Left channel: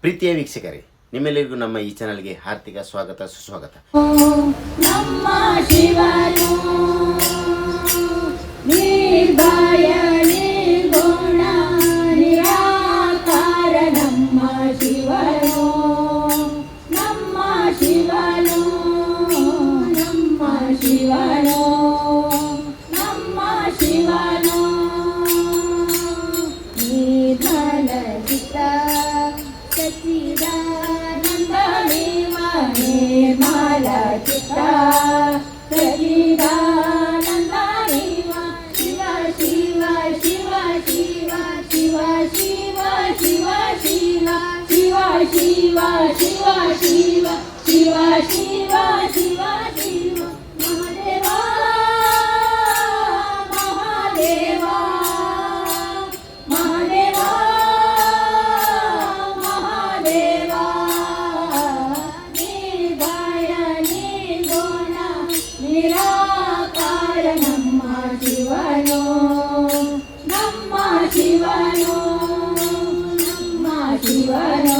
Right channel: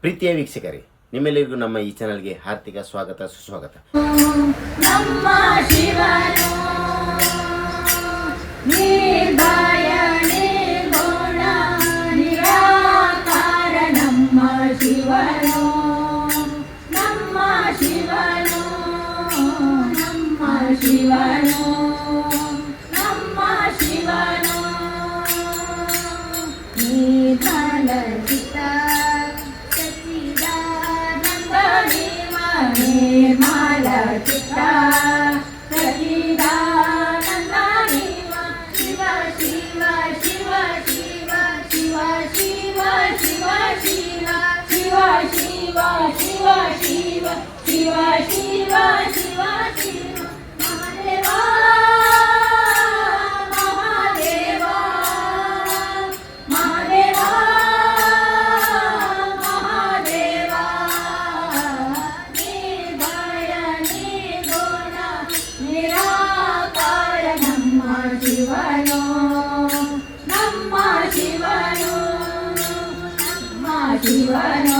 ಪ್ರೀತಿಯ ವೀಕ್ಷಕರೇ ನಿಮ್ಮೆಲ್ಲರಿಗೂ ನಮ್ಮ ಈ ಚಾನಲ್ಗೆ ಹಾರ್ದಿಕ ಸ್ವಾಗತ ಸುಸ್ವಾಗತ. ಶಿವನು ಶಿವನು ನಮ್ಮ ಶಿವನು ನಮ್ಮ ಶಿವನು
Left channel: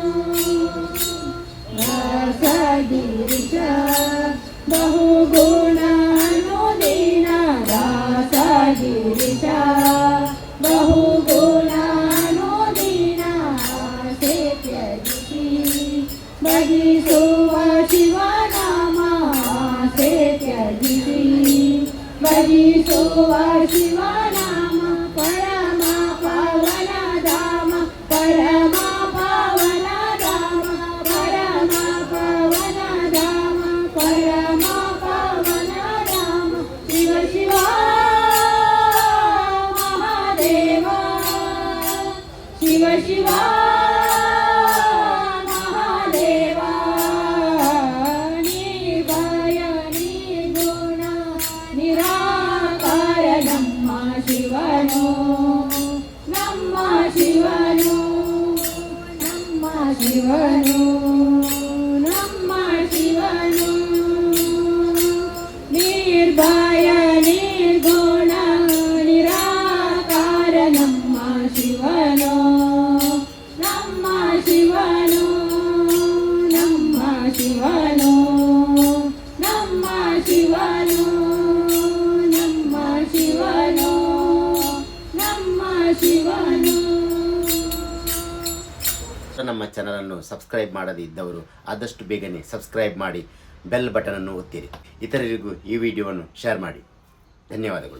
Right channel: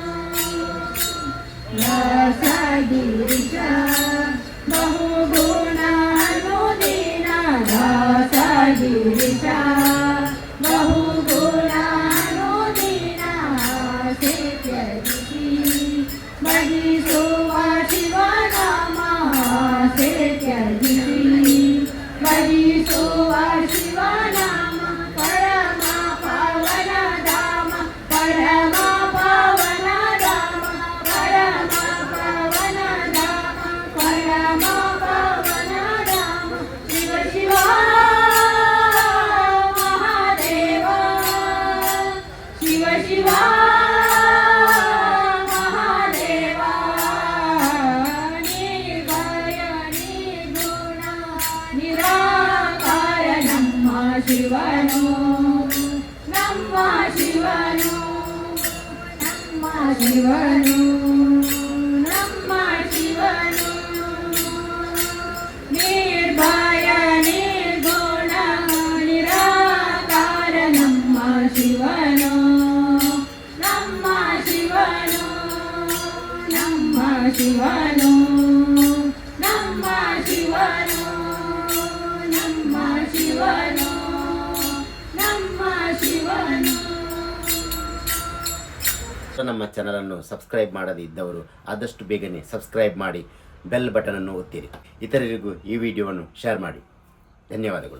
Oh, wow. ಶಿವನು, ನಮ್ಮ ಶಿವನು ನಮ್ಮ ಶಿವನು ನಮ್ಮ ಶಿವನು. ನಮ್ಮ ಚಾನಲನ್ನು ಸಬ್ಸ್ಕ್ರೈಬ್ ಮಾಡದಿದ್ದವರು ಆದಷ್ಟು ಬೇಗನೆ ಸಬ್ಸ್ಕ್ರೈಬ್ ಮಾಡಿ ಬೆಲ್ ಅನ್ನು ಒತ್ತಿರಿ. ಇತರರಿಗೂ ಈ ವಿಡಿಯೋವನ್ನು ಶೇರ್ ಮಾಡಿ. ಧನ್ಯವಾದಗಳು.